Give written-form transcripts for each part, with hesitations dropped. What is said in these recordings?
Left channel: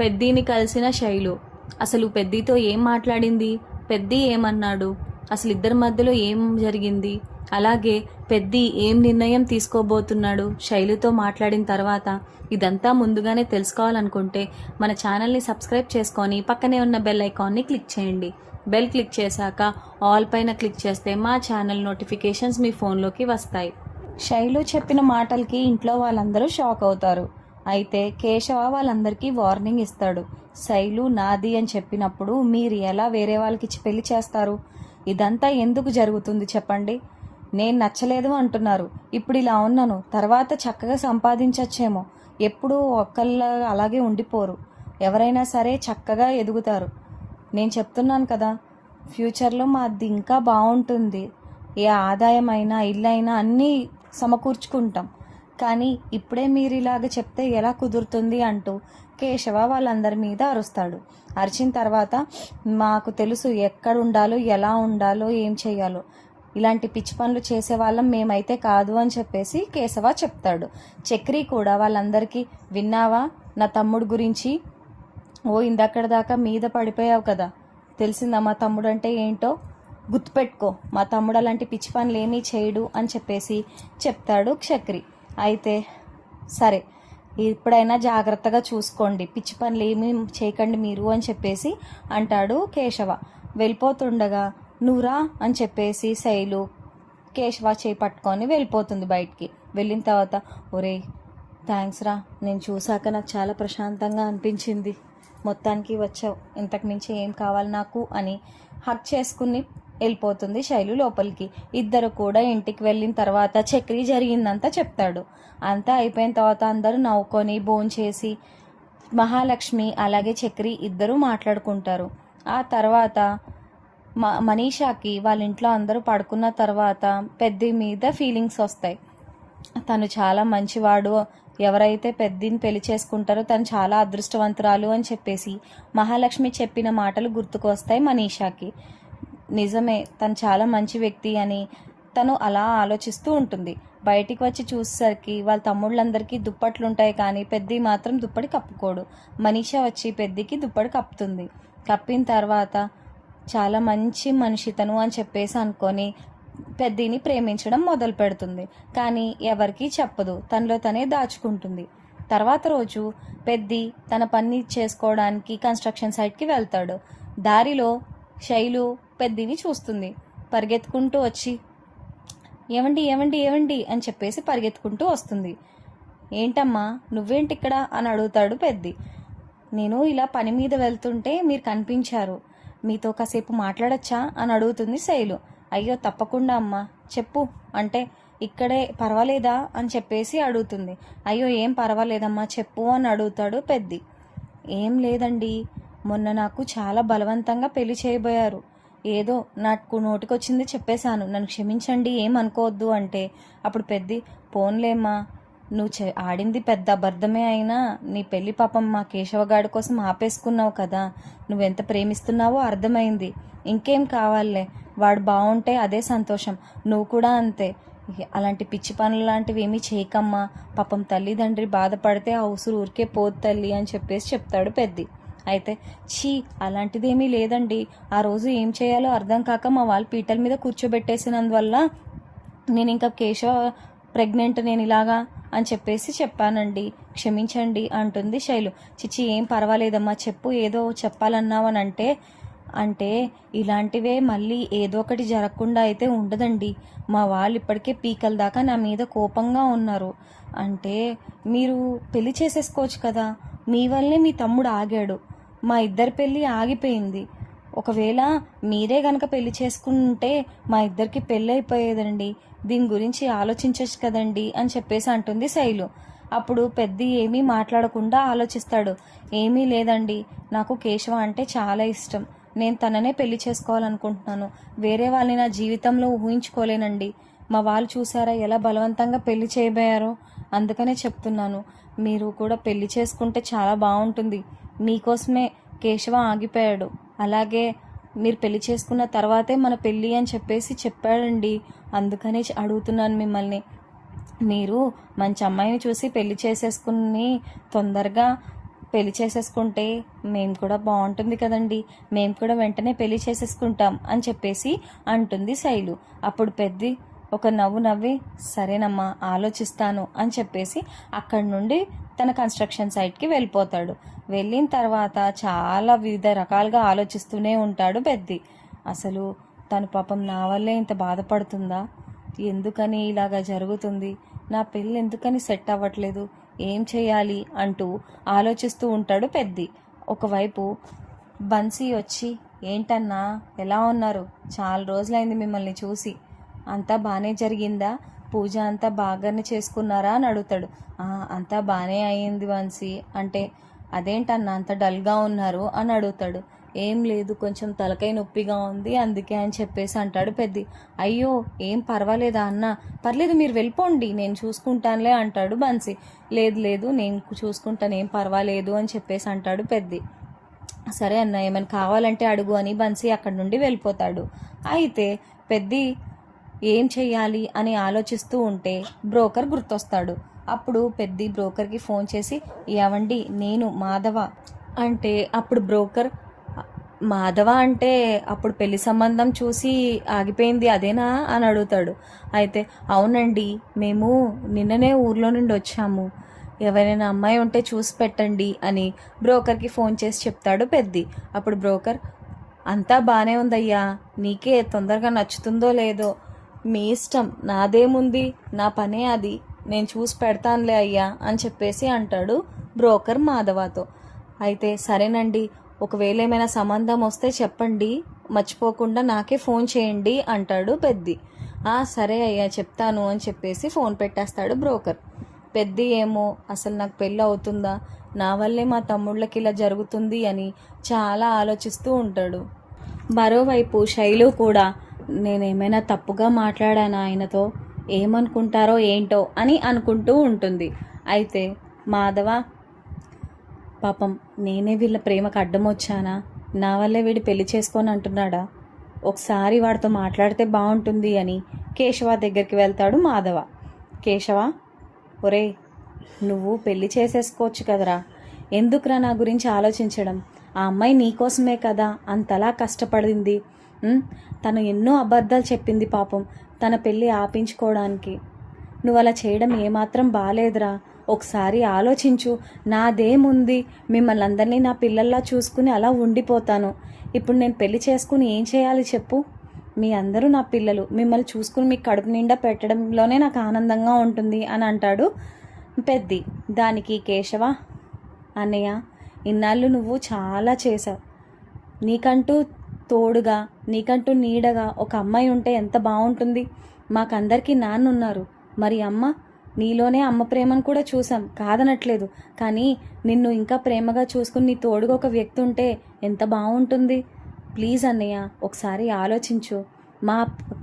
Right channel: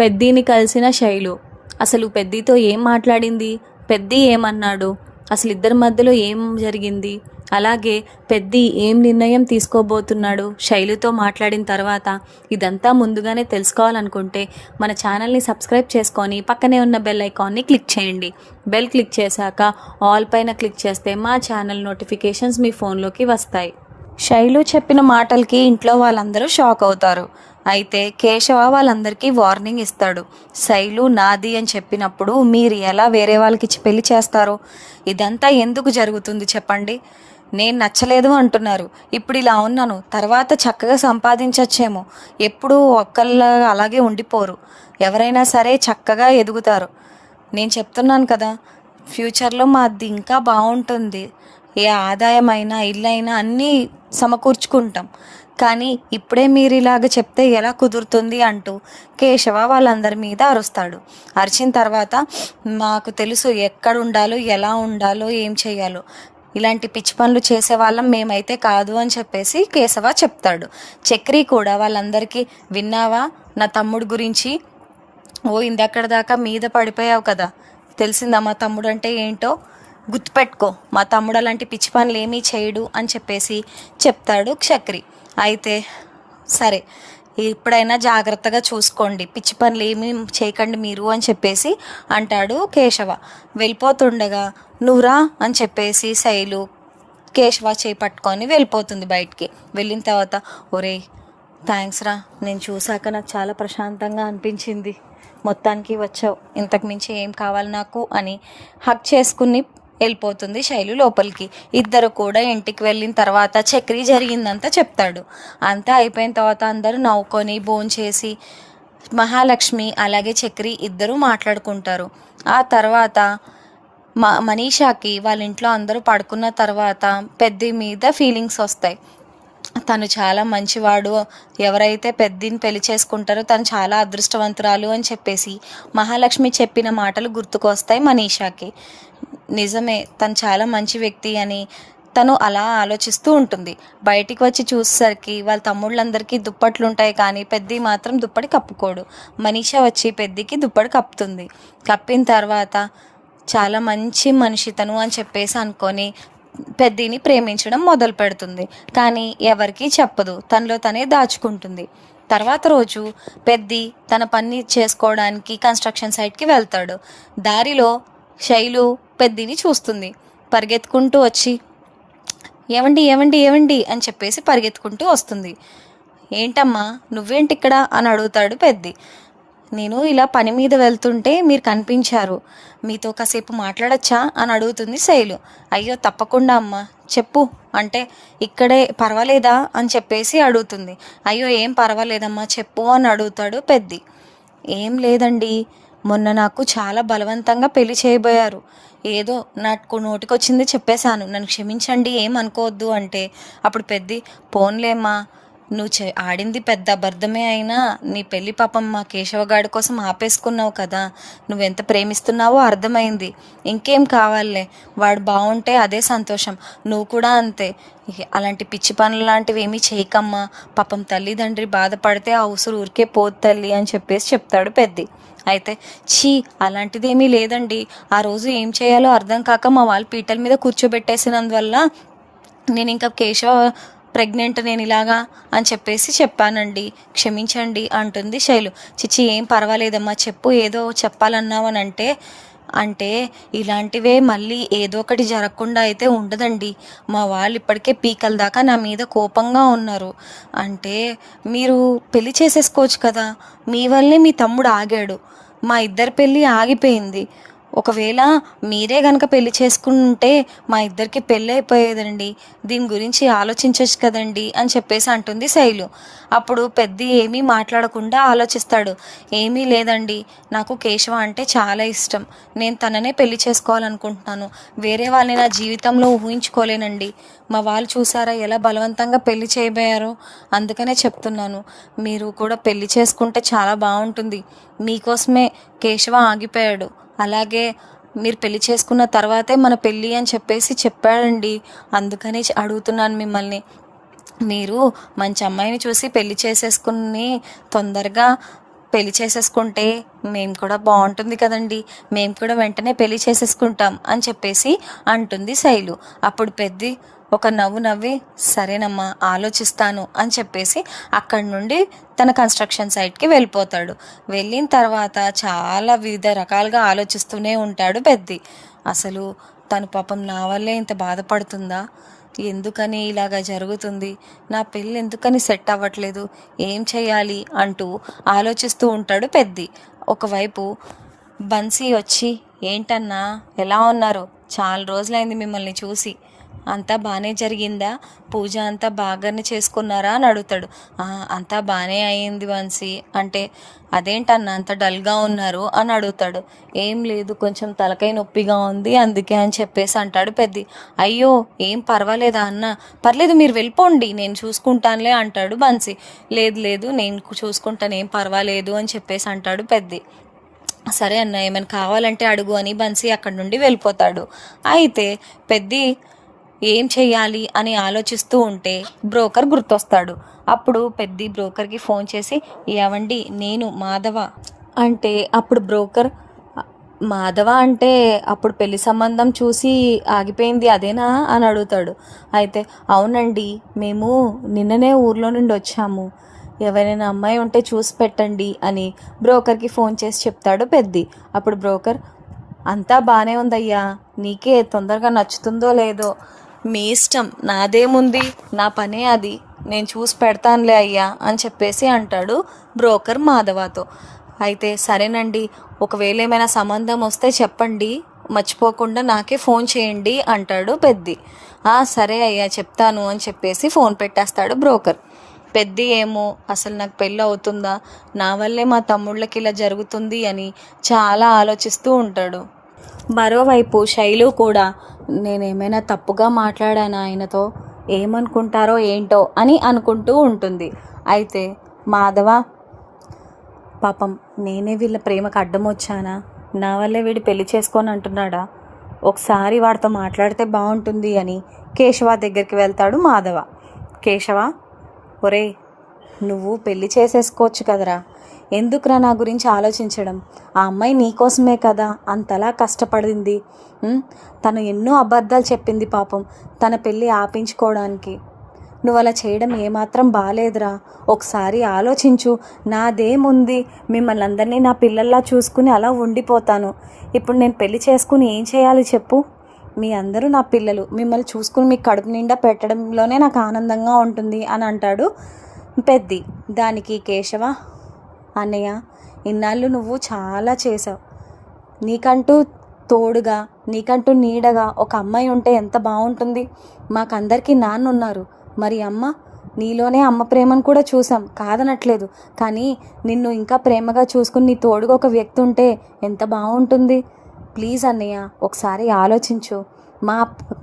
పెద్దిని కలిసిన శైలు. అసలు పెద్దితో ఏం మాట్లాడింది? పెద్ది ఏమన్నాడు? అసలు ఇద్దరి మధ్యలో ఏం జరిగింది? అలాగే పెద్ది ఏం నిర్ణయం తీసుకోబోతున్నాడు శైలుతో మాట్లాడిన తర్వాత? ఇదంతా ముందుగానే తెలుసుకోవాలనుకుంటే మన ఛానల్ని సబ్స్క్రైబ్ చేసుకొని పక్కనే ఉన్న బెల్ ఐకాన్ని క్లిక్ చేయండి. బెల్ క్లిక్ చేశాక ఆల్ పైన క్లిక్ చేస్తే మా ఛానల్ నోటిఫికేషన్స్ మీ ఫోన్లోకి వస్తాయి. శైలు చెప్పిన మాటలకి ఇంట్లో వాళ్ళందరూ షాక్ అవుతారు. అయితే కేశవ వాళ్ళందరికీ వార్నింగ్ ఇస్తాడు. శైలు నాది అని చెప్పినప్పుడు మీరు ఎలా వేరే వాళ్ళకి ఇచ్చి పెళ్లి చేస్తారు? ఇదంతా ఎందుకు జరుగుతుంది చెప్పండి? నేను నచ్చలేదు అంటున్నారు, ఇప్పుడు ఇలా ఉన్నాను, తర్వాత చక్కగా సంపాదించచ్చేమో. ఎప్పుడూ ఒక్కళ్ళ అలాగే ఉండిపోరు, ఎవరైనా సరే చక్కగా ఎదుగుతారు. నేను చెప్తున్నాను కదా, ఫ్యూచర్లో మాది ఇంకా బాగుంటుంది. ఏ ఆదాయమైనా ఇల్లైనా అన్నీ సమకూర్చుకుంటాం. కానీ ఇప్పుడే మీరు ఇలాగ చెప్తే ఎలా కుదురుతుంది అంటూ కేశవ వాళ్ళందరి మీద అరుస్తాడు. అరిచిన తర్వాత మాకు తెలుసు ఎక్కడ ఉండాలో, ఎలా ఉండాలో, ఏం చేయాలో. ఇలాంటి పిచ్చి పనులు చేసే వాళ్ళం మేమైతే కాదు అని చెప్పేసి కేశవ చెప్తాడు. చక్రి కూడా వాళ్ళందరికీ, విన్నావా నా తమ్ముడు గురించి? ఓ ఇందక్కడ దాకా మీద పడిపోయావు కదా, తెలిసిందా మా తమ్ముడు అంటే ఏంటో? గుర్తుపెట్టుకో, మా తమ్ముడు అలాంటి పిచ్చి పనులు ఏమీ చేయడు అని చెప్పేసి చెప్తాడు చక్రి. అయితే సరే, ఇప్పుడైనా జాగ్రత్తగా చూసుకోండి, పిచ్చి పనులు ఏమీ చేయకండి మీరు అని చెప్పేసి అంటాడు కేశవ. వెళ్ళిపోతుండగా నువ్వురా అని చెప్పేసి శైలు కేశవ చేపట్టుకొని వెళ్ళిపోతుంది బయటికి. వెళ్ళిన తర్వాత, ఒరే థ్యాంక్స్ రా, నేను చూశాక నాకు చాలా ప్రశాంతంగా అనిపించింది, మొత్తానికి వచ్చావు, ఇంతకు మించి ఏం కావాలి నాకు అని హక్ చేసుకుని వెళ్ళిపోతుంది శైలు లోపలికి. ఇద్దరు కూడా ఇంటికి వెళ్ళిన తర్వాత చక్రి జరిగిందంతా చెప్తాడు. అంతా అయిపోయిన తర్వాత అందరూ నవ్వుకొని భోంచేసి మహాలక్ష్మి అలాగే చక్రి ఇద్దరూ మాట్లాడుకుంటారు. ఆ తర్వాత మనీషాకి వాళ్ళ ఇంట్లో అందరూ పడుకున్న తర్వాత పెద్ద మీద ఫీలింగ్స్ వస్తాయి. తను చాలా మంచివాడు, ఎవరైతే పెద్దని పెళ్లి చేసుకుంటారో తను చాలా అదృష్టవంతురాలు అని చెప్పేసి మహాలక్ష్మి చెప్పిన మాటలు గుర్తుకొస్తాయి మనీషాకి. నిజమే, తను చాలా మంచి వ్యక్తి అని తను అలా ఆలోచిస్తూ ఉంటుంది. బయటికి వచ్చి చూసేసరికి వాళ్ళ తమ్ముళ్ళందరికీ దుప్పట్లు ఉంటాయి, కానీ పెద్ది మాత్రం దుప్పటి కప్పుకోడు. మనీషా వచ్చి పెద్దికి దుప్పటి కప్పుతుంది. కప్పిన తర్వాత చాలా మంచి మనిషి తను అని చెప్పేసి అనుకొని పెద్దిని ప్రేమించడం మొదలు పెడుతుంది. కానీ ఎవరికీ చెప్పదు, తనలో తనే దాచుకుంటుంది. తర్వాత రోజు పెద్ది తన పని చేసుకోవడానికి కన్స్ట్రక్షన్ సైట్కి వెళ్తాడు. దారిలో శైలు పెద్దిని చూస్తుంది. పరిగెత్తుకుంటూ వచ్చి ఏవండి ఏవండి ఏవండి అని చెప్పేసి పరిగెత్తుకుంటూ వస్తుంది. ఏంటమ్మా నువ్వేంటి ఇక్కడ అని అడుగుతాడు పెద్ది. నేను ఇలా పని మీద వెళ్తుంటే మీరు కనిపించారు, మీతో కాసేపు మాట్లాడచ్చా అని అడుగుతుంది శైలు. అయ్యో తప్పకుండా అమ్మా, చెప్పు అంటే, ఇక్కడే పర్వాలేదా అని చెప్పేసి అడుగుతుంది. అయ్యో ఏం పర్వాలేదమ్మా చెప్పు అని అడుగుతాడు పెద్ది. ఏం లేదండి, మొన్న నాకు చాలా బలవంతంగా పెళ్లి చేయబోయారు, ఏదో నాకు నోటికొచ్చింది చెప్పేశాను, నన్ను క్షమించండి ఏమనుకోవద్దు అంటే, అప్పుడు పెద్ది పోన్లేమ్మా, నువ్వు ఆడింది పెద్ద అబద్ధమే అయినా నీ పెళ్ళి పాపం మా కేశవగాడి కోసం ఆపేసుకున్నావు కదా, నువ్వెంత ప్రేమిస్తున్నావో అర్థమైంది, ఇంకేం కావాలే, వాడు బాగుంటే అదే సంతోషం, నువ్వు కూడా అంతే, అలాంటి పిచ్చి పనులు లాంటివి ఏమీ చేయకమ్మా, పాపం తల్లిదండ్రి బాధపడితే ఆ ఉసురు ఊరికే పోదు తల్లి అని చెప్పేసి చెప్తాడు పెద్ది. అయితే ఛీ అలాంటిదేమీ లేదండి, ఆ రోజు ఏం చేయాలో అర్థం కాక మా వాళ్ళు పీటల మీద కూర్చోబెట్టేసినందువల్ల నేను ఇంకా కేశవ ప్రెగ్నెంట్ నేను ఇలాగా అని చెప్పేసి చెప్పానండి, క్షమించండి అంటుంది శైలు. చిచ్చి ఏం పర్వాలేదమ్మా చెప్పు, ఏదో చెప్పాలన్నావు అని అంటే ఇలాంటివే మళ్ళీ ఏదో ఒకటి జరగకుండా అయితే ఉండదండి, మా వాళ్ళు ఇప్పటికే పీకల దాకా నా మీద కోపంగా ఉన్నారు, అంటే మీరు పెళ్లి చేసేసుకోవచ్చు కదా, మీ వల్లే మీ తమ్ముడు ఆగాడు, మా ఇద్దరి పెళ్ళి ఆగిపోయింది, ఒకవేళ మీరే కనుక పెళ్లి చేసుకుంటే మా ఇద్దరికి పెళ్ళి అయిపోయేదండి, దీని గురించి ఆలోచించవచ్చు కదండి అని చెప్పేసి అంటుంది శైలు. అప్పుడు పెద్ది ఏమీ మాట్లాడకుండా ఆలోచిస్తాడు. ఏమీ లేదండి, నాకు కేశవ అంటే చాలా ఇష్టం, నేను తననే పెళ్లి చేసుకోవాలనుకుంటున్నాను, వేరే వాళ్ళని నా జీవితంలో ఊహించుకోలేనండి, మా వాళ్ళు చూసారా ఎలా బలవంతంగా పెళ్లి చేయబోయారో, అందుకనే చెప్తున్నాను, మీరు కూడా పెళ్లి చేసుకుంటే చాలా బాగుంటుంది, మీకోసమే కేశవ ఆగిపోయాడు, అలాగే మీరు పెళ్లి చేసుకున్న తర్వాతే మన పెళ్ళి అని చెప్పేసి చెప్పాడండి, అందుకని అడుగుతున్నాను మిమ్మల్ని, మీరు మంచి అమ్మాయిని చూసి పెళ్లి చేసేసుకుని తొందరగా పెళ్లి చేసేసుకుంటే మేము కూడా బాగుంటుంది కదండి, మేము కూడా వెంటనే పెళ్లి చేసేసుకుంటాం అని చెప్పేసి అంటుంది శైలు. అప్పుడు పెద్ది ఒక నవ్వు నవ్వి సరేనమ్మా ఆలోచిస్తాను అని చెప్పేసి అక్కడి నుండి తన కన్స్ట్రక్షన్ సైట్కి వెళ్ళిపోతాడు. వెళ్ళిన తర్వాత చాలా వివిధ రకాలుగా ఆలోచిస్తూనే ఉంటాడు పెద్ది. అసలు తను పాపం నా వల్లే ఇంత బాధపడుతుందా, ఎందుకని ఇలాగా జరుగుతుంది, నా పెళ్ళి ఎందుకని సెట్ అవ్వట్లేదు, ఏం చేయాలి అంటూ ఆలోచిస్తూ ఉంటాడు పెద్ది. ఒకవైపు బన్సీ వచ్చి ఏంటన్నా ఎలా ఉన్నారు, చాలా రోజులైంది మిమ్మల్ని చూసి, అంతా బాగానే జరిగిందా, పూజ అంతా బాగానే చేసుకున్నారా అని అడుగుతాడు. అంతా బాగానే అయ్యింది బన్సీ అంటే, అదేంటన్నా అంత డల్గా ఉన్నారు అని అడుగుతాడు. ఏం లేదు, కొంచెం తలకాయ నొప్పిగా ఉంది అందుకే అని చెప్పేసి అంటాడు పెద్ది. అయ్యో ఏం పర్వాలేదా అన్న, పర్లేదు మీరు వెళ్ళిపోండి నేను చూసుకుంటానులే అంటాడు బన్సీ. లేదు లేదు నేను చూసుకుంటాను ఏం పర్వాలేదు అని చెప్పేసి అంటాడు పెద్ది. సరే అన్న ఏమైనా కావాలంటే అడుగు అని బన్సీ అక్కడి నుండి వెళ్ళిపోతాడు. అయితే పెద్ది ఏం చెయ్యాలి అని ఆలోచిస్తూ ఉంటే బ్రోకర్ గుర్తొస్తాడు. అప్పుడు పెద్ది బ్రోకర్కి ఫోన్ చేసి ఏవండి నేను మాధవ అంటే, అప్పుడు బ్రోకర్ మాధవ అంటే అప్పుడు పెళ్లి సంబంధం చూసి ఆగిపోయింది అదేనా అని అడుగుతాడు. అయితే అవునండి మేము నిన్ననే ఊర్లో నుండి వచ్చాము, ఎవరైనా అమ్మాయి ఉంటే చూసి పెట్టండి అని బ్రోకర్కి ఫోన్ చేసి చెప్తాడు పెద్ది. అప్పుడు బ్రోకర్ అంతా బాగానే ఉందయ్యా, నీకే తొందరగా నచ్చుతుందో లేదో మీ ఇష్టం, నాదేముంది, నా పనే అది, నేను చూసి పెడతానులే అయ్యా అని చెప్పేసి అంటాడు బ్రోకర్ మాధవతో. అయితే సరేనండి, ఒకవేళ ఏమైనా సంబంధం వస్తే చెప్పండి, మర్చిపోకుండా నాకే ఫోన్ చేయండి అంటాడు పెద్ది. సరే అయ్యా చెప్తాను అని చెప్పేసి ఫోన్ పెట్టేస్తాడు బ్రోకర్. పెద్ది ఏమో అసలు నాకు పెళ్ళి అవుతుందా, నా వల్లే మా తమ్ముళ్ళకి ఇలా జరుగుతుంది అని చాలా ఆలోచిస్తూ ఉంటాడు. మరోవైపు శైలు కూడా నేనేమైనా తప్పుగా మాట్లాడాను ఆయనతో, ఏమనుకుంటారో ఏంటో అని అనుకుంటూ ఉంటుంది. అయితే మాధవ పాపం నేనే వీళ్ళ ప్రేమకు అడ్డం వచ్చానా, నా వల్లే వీడు పెళ్లి చేసుకొని అంటున్నాడా, ఒకసారి వాడితో మాట్లాడితే బాగుంటుంది అని కేశవ దగ్గరికి వెళ్తాడు మాధవ. కేశవ ఒరే నువ్వు పెళ్లి చేసేసుకోవచ్చు కదరా, ఎందుకురా నా గురించి ఆలోచించడం, ఆ అమ్మాయి నీకోసమే కదా అంతలా కష్టపడింది, తను ఎన్నో అబద్ధాలు చెప్పింది పాపం తన పెళ్ళి ఆపించుకోవడానికి, నువ్వు అలా చేయడం ఏమాత్రం బాలేదురా, ఒకసారి ఆలోచించు, నాదేముంది మిమ్మల్ని అందరినీ నా పిల్లల్లా చూసుకుని అలా ఉండిపోతాను, ఇప్పుడు నేను పెళ్లి చేసుకుని ఏం చేయాలి చెప్పు, మీ అందరూ నా పిల్లలు, మిమ్మల్ని చూసుకుని మీకు కడుపు నిండా పెట్టడంలోనే నాకు ఆనందంగా ఉంటుంది అని అంటాడు పెద్ది. దానికి కేశవ అన్నయ్య ఇన్నాళ్ళు నువ్వు చాలా చేసావు, నీకంటూ తోడుగా నీకంటూ నీడగా ఒక అమ్మాయి ఉంటే ఎంత బాగుంటుంది, మాకందరికీ నాన్న ఉన్నారు, మరి అమ్మ, నీలోనే అమ్మ ప్రేమను కూడా చూసాం కాదనట్లేదు, కానీ నిన్ను ఇంకా ప్రేమగా చూసుకుని నీ తోడుగా ఒక వ్యక్తి ఉంటే ఎంత బాగుంటుంది, ప్లీజ్ అన్నయ్య ఒకసారి ఆలోచించు, మా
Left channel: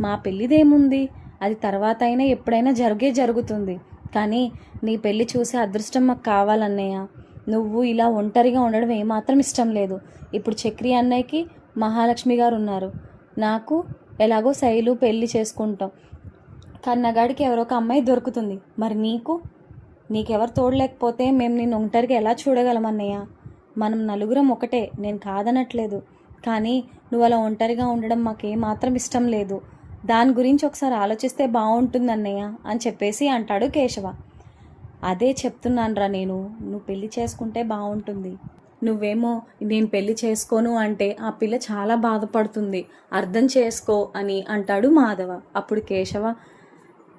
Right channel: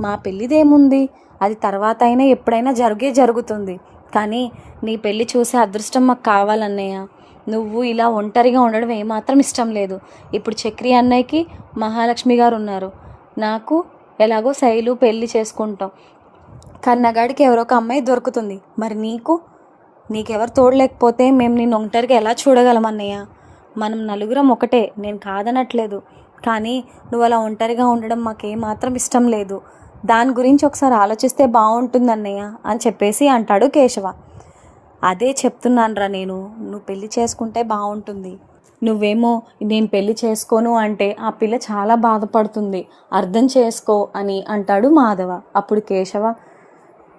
మా పెళ్ళిదేముంది, అది తర్వాత అయినా ఎప్పుడైనా జరుగుతుంది, కానీ నీ పెళ్ళి చూసే అదృష్టం మాకు కావాలన్నయ్య, నువ్వు ఇలా ఒంటరిగా ఉండడం ఏమాత్రం ఇష్టం లేదు, ఇప్పుడు చక్రి అన్నయ్యకి మహాలక్ష్మి గారు ఉన్నారు, నాకు ఎలాగో శైలు పెళ్ళి చేసుకుంటాం, కన్నగాడికి ఎవరో ఒక అమ్మాయి దొరుకుతుంది, మరి నీకెవరు తోడలేకపోతే మేము నేను ఒంటరిగా ఎలా చూడగలం అన్నయ్య, మనం నలుగురం ఒకటే, నేను కాదనట్లేదు, కానీ నువ్వు అలా ఒంటరిగా ఉండడం మాకేమాత్రం ఇష్టం లేదు, దాని గురించి ఒకసారి ఆలోచిస్తే బాగుంటుంది అన్నయ్య అని చెప్పేసి అంటాడు కేశవ. అదే చెప్తున్నానురా నేను, నువ్వు పెళ్ళి చేసుకుంటే బాగుంటుంది, నువ్వేమో నేను పెళ్ళి చేసుకోను అంటే ఆ పిల్ల చాలా బాధపడుతుంది, అర్థం చేసుకో అని అంటాడు మాధవ. అప్పుడు కేశవ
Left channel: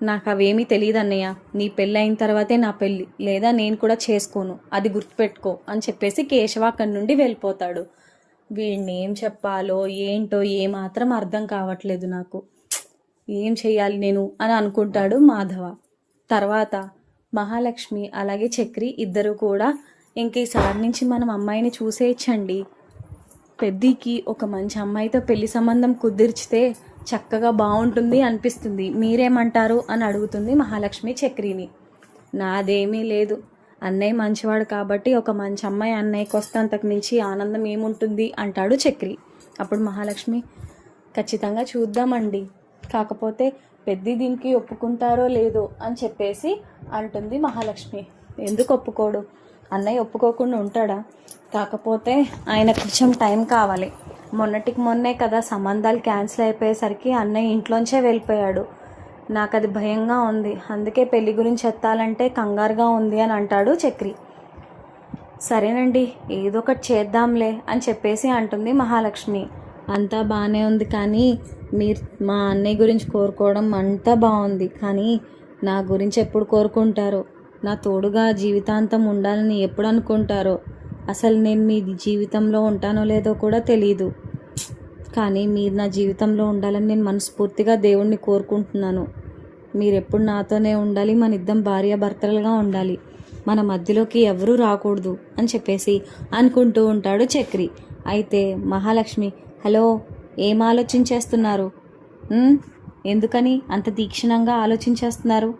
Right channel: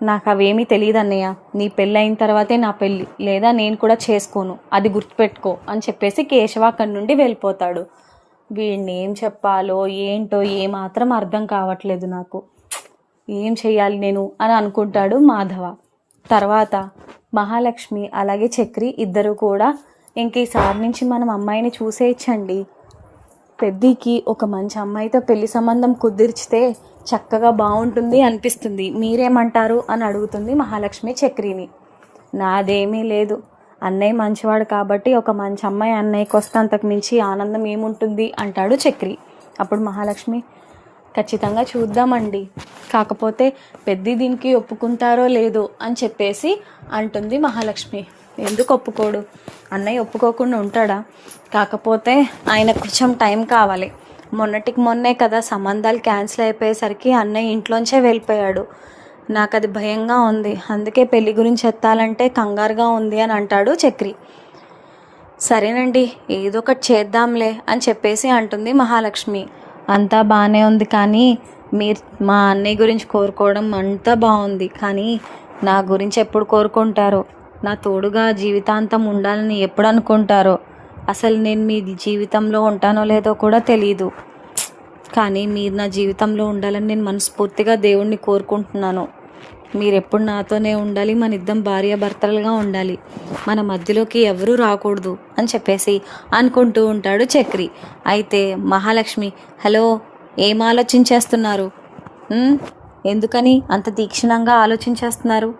నాకు అవేమీ తెలియదు అన్నయ్య, నీ పెళ్ళి అయిన తర్వాతే నా పెళ్ళి, లేదా నేను కూడా చేసుకోను, అది గుర్తుపెట్టుకో అని చెప్పేసి కేశవ అక్కడి నుండి వెళ్ళిపోతాడు. వీడిని ఏం చెప్పాలో ఏంటో ఏమాత్రం అర్థం కావట్లేదు నాకు, ఏం చెయ్యాలి నేను అని అనుకుంటాడు మాధవ. తర్వాత మహాలక్ష్మి అలాగే చక్రి ఇద్దరు కూడా ఇంక ఈసారి నుంచి మనం అమ్మాయిని చూసేయచ్చండి, పెద్దికి ఒక మంచి అమ్మాయితో పెళ్లి సంబంధం కుదిర్చితే చక్కగా బాగుంటుంది అనిపిస్తుంది, మీరేమంటారు అని అడుగుతుంది మహాలక్ష్మి చక్రిని. నాదేమీ లేదు, అన్నయ్య మంచివాడు కాబట్టి ఒక మంచి అమ్మాయి అన్నయ్యకి వస్తే అంతకు మించి ఆనందం ఏముంటుంది అంటాడు చక్రి. అప్పుడు మహాలక్ష్మి ఖచ్చితంగా చూద్దామండి, కాకపోతే పెద్ది దీనికి ఒప్పుకుంటారో లేదో అని చెప్పేసి అంటుంది మహాలక్ష్మి. ఎందుకు ఒప్పుకోడు? అన్నయ్య ఒప్పుకోకుండా ఉంటాడా? కాకపోతే ఆయన కొంచెం టైం కావాలి. మొన్నటికి మొన్నే కదా సంబంధాలు క్యాన్సిల్ అయిపోయేసరికి అన్నయ్య ఇంట్లోంచే వెళ్ళిపోయాడు. నాకు అది భయంగా ఉంది, అందుకే పెళ్లి గురించి ఎత్తాలంటే కంగారుగా ఉంది అని అంటాడు చక్రి. సరేనండి, ఏదో ఒకటి చేద్దాంలే అని చెప్పేసి అంటుంది మహాలక్ష్మి. అంతా బాగానే ఉంది, కానీ మీరు మా అన్నయ్య గురించి కోరుకోవడం అంతా బాగుంది, కానీ నా గురించి ఎప్పుడు కోరుకుంటారో, నా తోడుగా జీవితాంతం ఉండాలని ఎప్పుడు అనుకుంటారో, అసలు నేను మీ జీవితంలో ఉంటానో లేదో కూడా తెలీదు, కానీ మీరు నా జీవితంలో ఉండాలని నేను మనస్ఫూర్తిగా దేవుణ్ణి కోరుకుంటున్నాను. మీరు ఎప్పుడు నాతోనే ఉండాలి, మన ఇద్దరం భార్యాభర్తలుగా ఉండాలి, మన మధ్యలోకి ఎవరూ రాకూడదు అని చెప్పేసి అనుకుంటూ ఉంటాడు చక్రి. అయితే మహాలక్ష్మి, హలో, ఏం ఆలోచించేస్తున్నారు? ఎందుకని అంత తీక్షణంగా ఆలోచించేస్తున్నారు?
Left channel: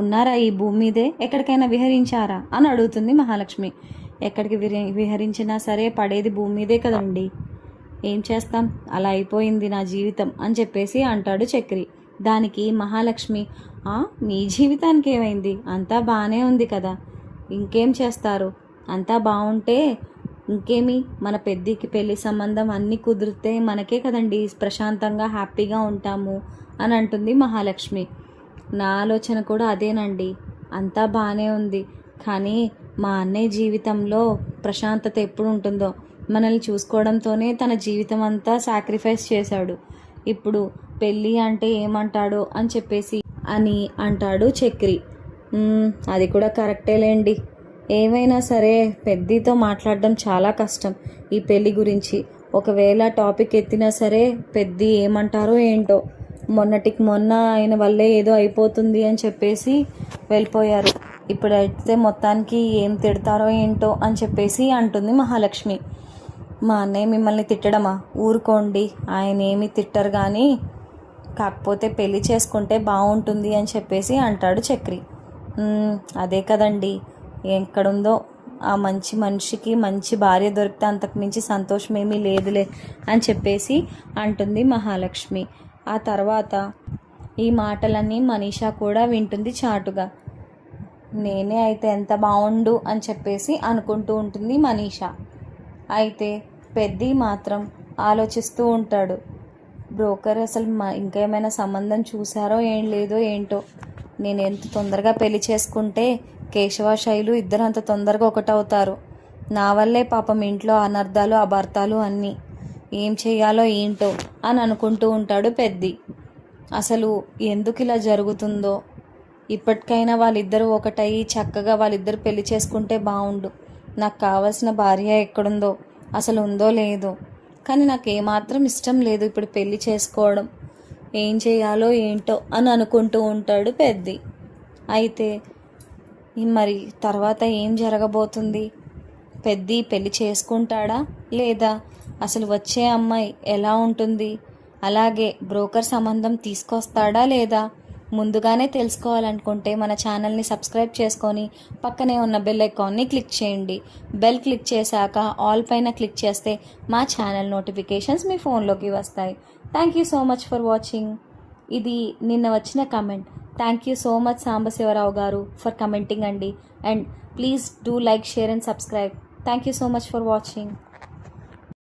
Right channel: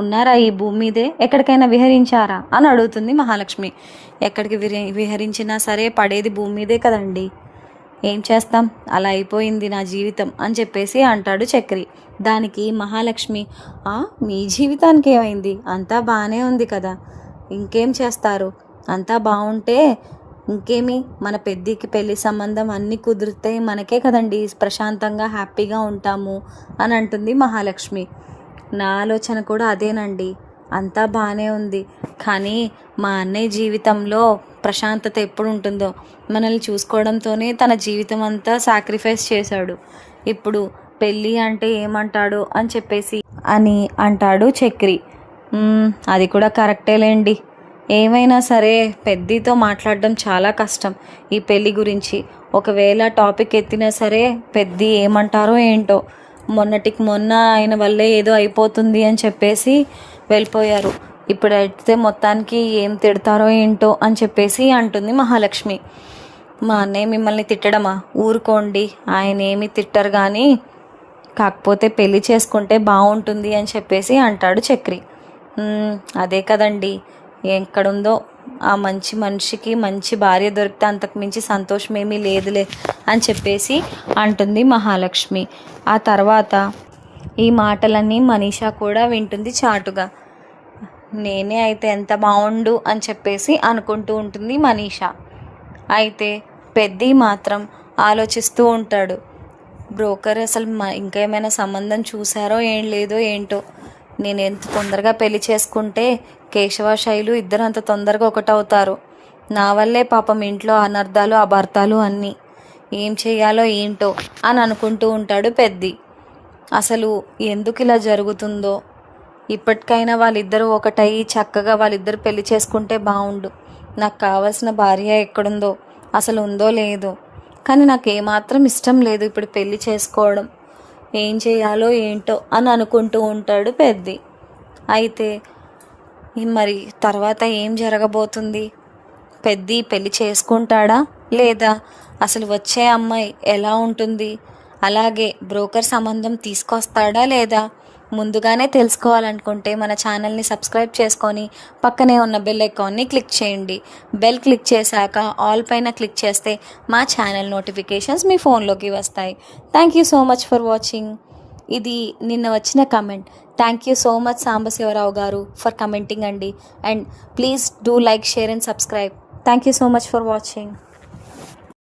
ఉన్నారా ఈ భూమి మీదే? ఎక్కడికైనా విహరించారా అని అడుగుతుంది మహాలక్ష్మి. ఎక్కడికి విహరించినా సరే పడేది భూమి మీదే కదండి. ఏం చేస్తాం, అలా అయిపోయింది నా జీవితం అని చెప్పేసి అంటాడు చక్రి. దానికి మహాలక్ష్మి, మీ జీవితానికి ఏమైంది? అంతా బాగానే ఉంది కదా, ఇంకేం చేస్తారు? అంతా బాగుంటే ఇంకేమి, మన పెద్దికి పెళ్లి సంబంధం అన్నీ కుదిరితే మనకే కదండి ప్రశాంతంగా హ్యాపీగా ఉంటాము అని అంటుంది మహాలక్ష్మి. నా ఆలోచన కూడా అదేనండి, అంతా బాగానే ఉంది, కానీ మా అన్నయ్య జీవితంలో ప్రశాంతత ఎప్పుడు ఉంటుందో, మనల్ని చూసుకోవడంతోనే తన జీవితం అంతా సాక్రిఫైస్ చేశాడు, ఇప్పుడు పెళ్ళి అంటే ఏమంటాడు అని చెప్పేసి అని అంటాడు చక్రి. అది కూడా కరెక్టేలేండి, ఏమైనా సరే పెద్దితో మాట్లాడడం చాలా కష్టం ఈ పెళ్ళి గురించి. ఒకవేళ టాపిక్ ఎత్తినా సరే పెద్ది ఏమంటారో ఏంటో, మొన్నటికి మొన్న ఆయన వల్లే ఏదో అయిపోతుంది అని చెప్పేసి వెళ్ళిపోయారు, ఇప్పుడైతే మొత్తానికి ఏం తిడతారో ఏంటో అని చెప్పేసి అంటుంది మహాలక్ష్మి. మా అన్నయ్య మిమ్మల్ని తిట్టడమా? ఊరుకోండి, ఆయన ఏమి తిట్టరు, కానీ కాకపోతే పెళ్లి చేసుకుంటే బాగుంటుంది అని చెప్పేసి అంటాడు చక్రి. అదే కదండి, ఎక్కడుందో ఆ మంచి మనిషికి మంచి భార్య దొరికితే అంతకు మించి సంతోషం ఏమీ లేదులే అని చెప్పేసి అంటుంది మహాలక్ష్మి. ఆ తర్వాత ఈ మాటలన్నీ మనీషా కూడా వింటుంది చాటుగా. నేనే అయితే ఎంత బాగుండు అని చెప్పేసి అనుకుంటూ ఉంటుంది మనీషా. అయితే పెద్ది మాత్రం ఆలోచిస్తూ ఉంటాడు, బ్రోకర్ అసలు ఇంకా ఏమైనా సంబంధం చూసారో ఏం లేదో ఏంటో, నేను ఎంత తొందరగా పెళ్లి చేసుకుంటే కేశవ శైలు ఇద్దరు అంత తొందరగా ఒకటవుతారు, నా వల్లే పాపం ఇంట్లో అనర్థాలు అభార్థాలు అన్నీ, ఏం చేయాలో ఏంటో అని అనుకుంటూ ఉంటాడు పెద్ది. అసలు ఎందుకు ఇలా జరుగుతుందో, ఇప్పటికైనా వాళ్ళిద్దరూ ఒకటయ్యి చక్కగా వాళ్ళిద్దరు పెళ్లి చేసుకుంటే బాగుండు, నాకు కావాల్సిన భార్య ఎక్కడుందో, అసలు ఉందో లేదో, కానీ నాకు ఏమాత్రం ఇష్టం లేదు ఇప్పుడు పెళ్లి చేసుకోవడం, ఏం చేయాలో ఏంటో అని అనుకుంటూ ఉంటాడు పెద్ది. అయితే మరి తర్వాత ఏం జరగబోతుంది? పెద్ది పెళ్లి చేసుకుంటాడా లేదా? అసలు వచ్చే అమ్మాయి ఎలా ఉంటుంది? అలాగే బ్రోకర్ సంబంధం తీసుకొస్తాడా లేదా? ముందుగానే తెలుసుకోవాలనుకుంటే మన ఛానల్ని సబ్స్క్రైబ్ చేసుకొని పక్కనే ఉన్న బెల్ ఐకాన్ని క్లిక్ చేయండి. బెల్ క్లిక్ చేశాక ఆల్ పైన క్లిక్ చేస్తే మా ఛానల్ నోటిఫికేషన్స్ మీ ఫోన్లోకి వస్తాయి. Thank you so much for watching. ఇది నిన్న వచ్చిన comment. Thank you so much Sambasivarao గారు ఫర్ కమెంటింగ్ అండి. And please do like, share and subscribe. Thank you so much for watching.